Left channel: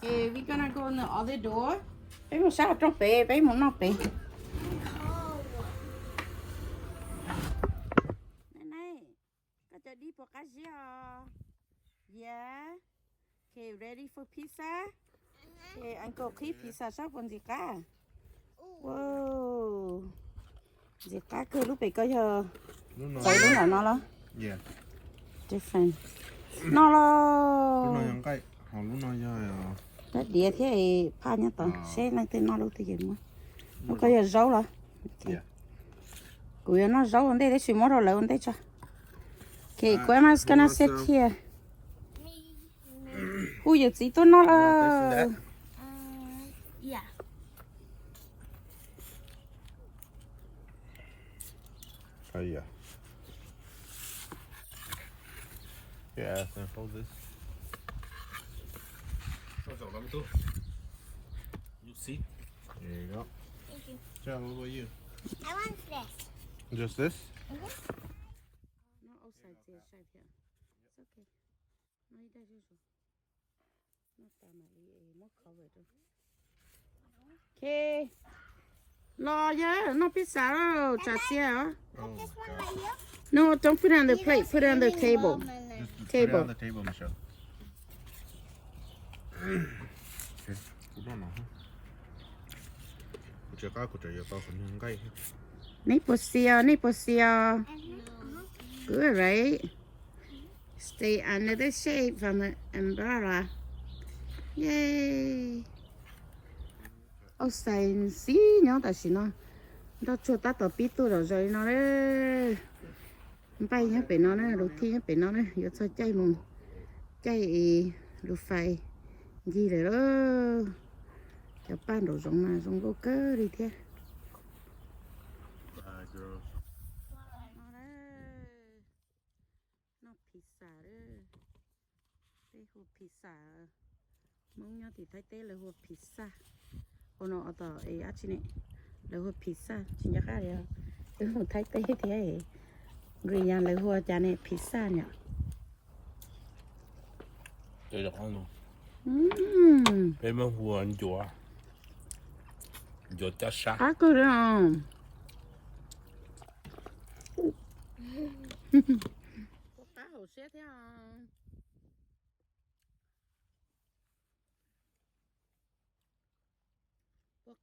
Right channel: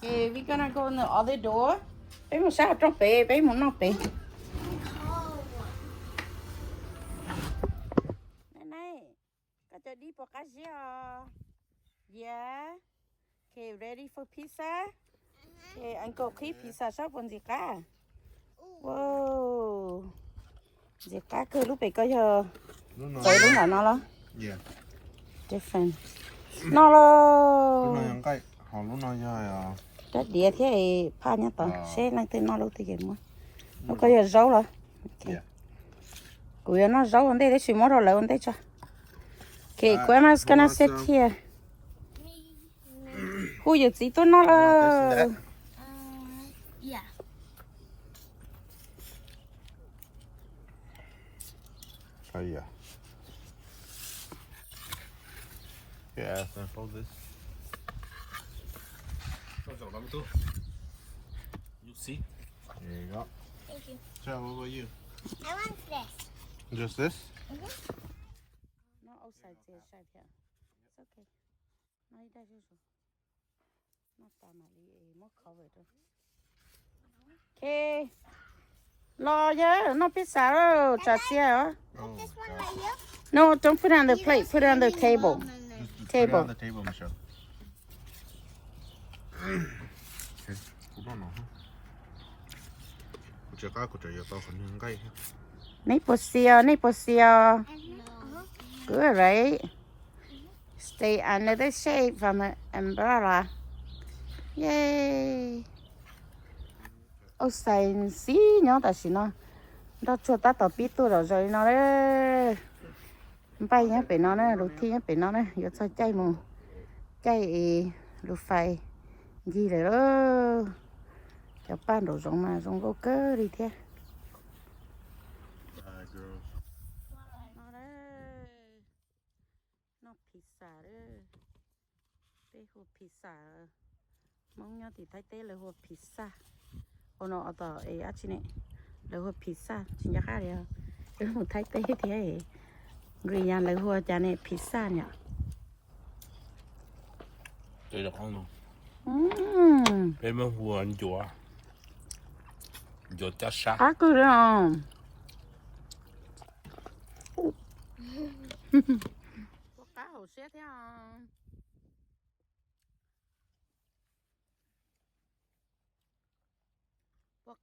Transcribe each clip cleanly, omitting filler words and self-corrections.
Okay, we're gonna go in the other door. Bé một sao trong bể, bé muốn nọc bể. Này, cả cho đi bỏ cá gì à? Yeah. Okay, ready for pizza? Okay, Uncle Keith pizza shop on gì cả? Wow. Gì cả cơ lúc bể có giờ. Vậy lúc nào nó lo? Yeah. Different. Nó lo. Lúc nào những cái, họ lúc nào giờ Đất địa thế pha nhá tao. Sẽ năng tên nó lúc thì kiếm mà. Nó có giờ rau rồi. Okay. Cúi nó rau ở đây để xíu mất rồi lấy ở đây cho. Okay, grandma's gonna sit here. Who you see to nó là? Yeah. yeah. Yeah, so hold this. You see? There you go. Thank you. So what about you? I want this. Just this? No outside there, right here. It's okay. No, it does usual. Not that much. More covered. Okay. Lo yeah, no pizza. Just here. Oh, This one right here. No, don't put it on the plate. Put it on the table. Put it Table. on the table, Michelle. Okay. Hold on. Kucha ka kucha ya tao không những cái. Nipple seal. No. Good, right? Stay under the shade from an umbrella. Yay. Outside xí nhớ ta xí nó. Đó cho ta tao biết tôi rồi nó đấy. Bay nhá bị nó đấy, đầu tiên nhá bị nó đấy. Giờ cho chạy mù. Chạy lụt phải gì đấy đó. Cho ban đồ giống mà giống gỗ cơ đi theo. Girl. Nó đấy. Nó pizza đấy. Đây hộp pizza. Mong nhá thì thấy tê là hộp pizza. Ồ nó ở tờ ấy á chị này. Là hộp pizza. Chị nhá khác đấy không? Cái hộp thấy tê thì ấy. Người nhà là hộp chả này pizza nhỉ. Đây là con Ừm. Em mới vừa ăn chùa. Chùa chát sát. Á cứ đấy không? Cá hổ xét thế không?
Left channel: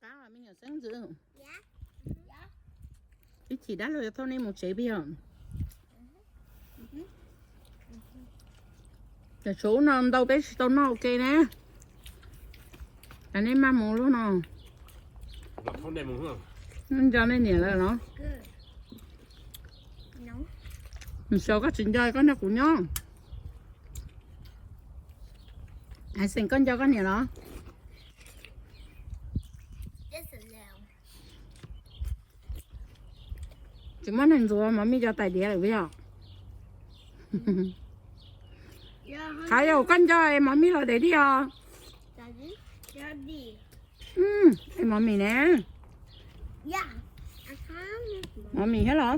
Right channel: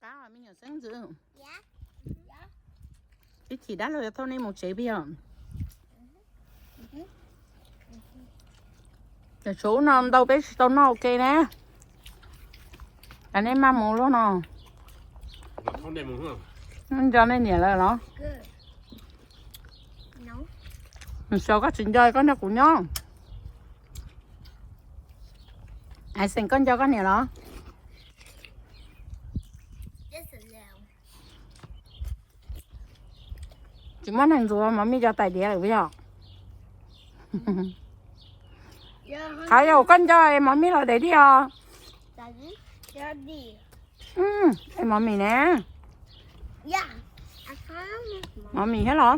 Cá mà mình ở sân dự. Yeah. Yeah. Cái chỉ đắt rồi thôi nên một chế bây giờ. Cái số nào đâu biết đâu nó ok nè. Anh em mang một lỗ nào. Không đem muốn không? Cho nên nhỉ là nó. No. Mình sợ có chuyện chơi con nó cũng nhớ. Ai xin con cho con nhỉ đó. This is no. Chỉ muốn hình rồi mà mi cho tài đĩa được bây giờ. Thái dầu con cho em mà mi là để đi à. Daddy. Daddy. Em mà mì nè. Yeah. I can't. Mà mì hết rồi.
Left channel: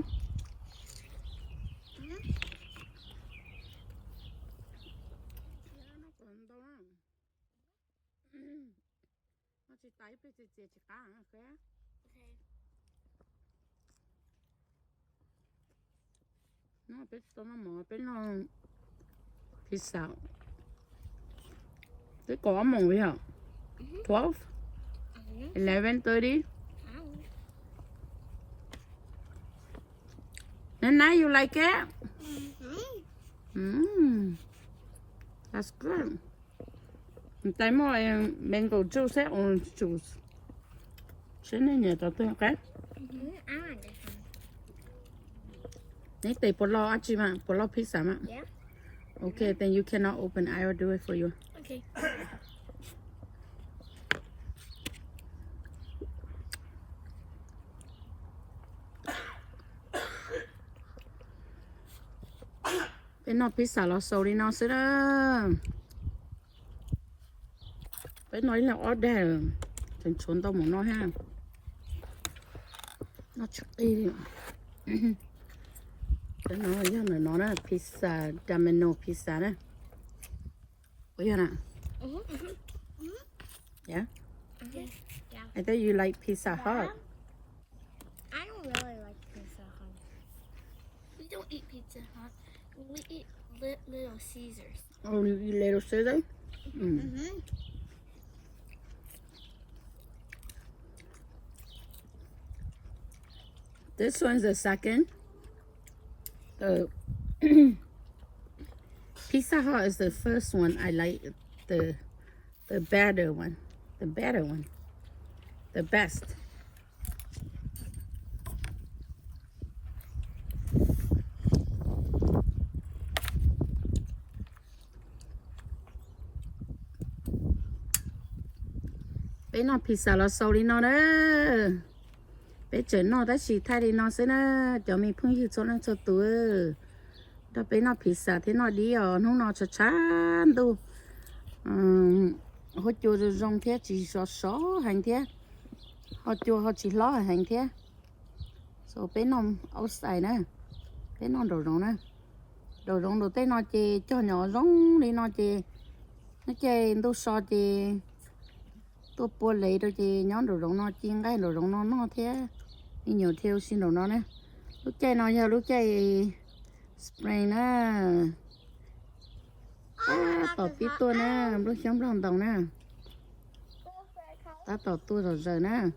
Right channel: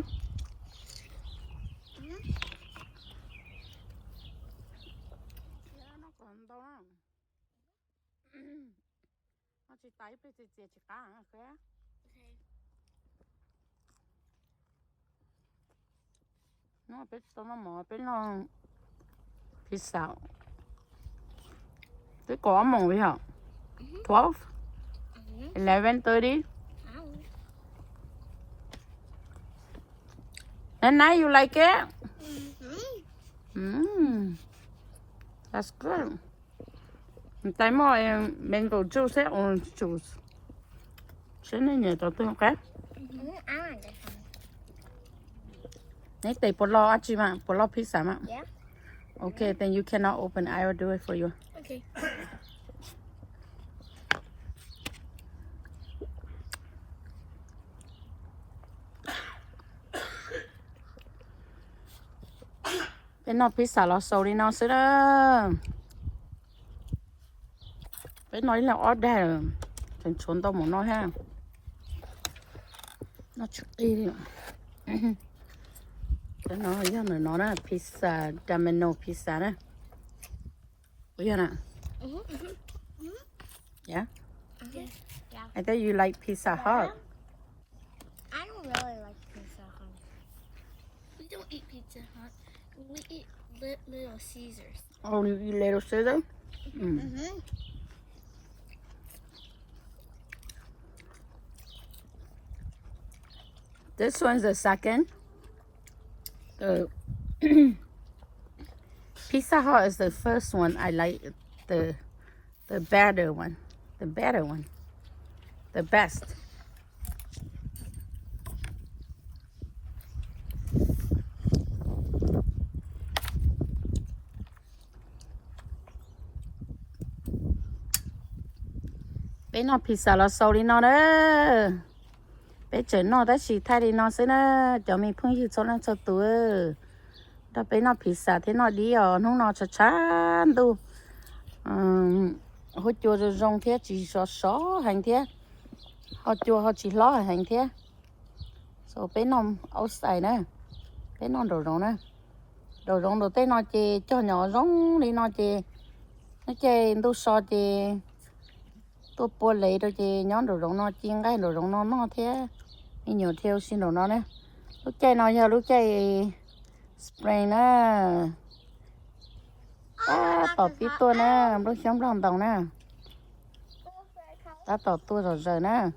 Nó biết tao nó mò biết nó pizza. Cái có mong bây giờ. 12, 11:30. And now you like it? That's good. Tại mọi mango juice hay orange juice. Sẽ nên nhớ cho tôi một cái. I want this one. Nãy tới bỏ lò chị mà, bỏ lò pizza mà. Yeah. Okay, then you cannot open. I will do it for you. Okay. Bên nó pizza nó sâu đi nó sẽ đó. Bên nói là order. Thành trốn tao muốn nói ha. Nó chút đi đi. cái nó giờ nó là pizza Domino pizza nè bây giờ nè yeah Yeah. I thought you like Pizza Hut. I don't really like Pizza Hut. We don't eat Pizza Hut. We eat Little Caesars. Oh, you little Caesar? Mm-hmm. This one's the second. Pizza Hut is the first one. I like the better one. The better one. The best. Bé nó pizza là sau đi nó đó. Bé chơi nó đã chỉ thay đi nó xí đó. Cho mình phun hiệu cho nó cho tuổi. Đó bé nó pizza thế nó đi ở nó nó chán đâu. Họ chua rồi rong thế chỉ xó hành thế. Họ chua họ chỉ ló hành thế. So bé nó outside nè. Bé nó đồ rong nè. Đồ rong đồ té nó chơi cho nhỏ rong đi nó chơi. Nó chơi đâu so chơi. Tôi bố lấy đồ chơi nhóm đồ rong nó chiên cái đồ rong nó thế. Đi nhiều theo xin đồ nó nè. Lúc chơi nó giờ lúc chơi spray nè. Tỏ phí tôi nè, lúc sống lòng đồng nè. Ta tỏ tôi rồi nè.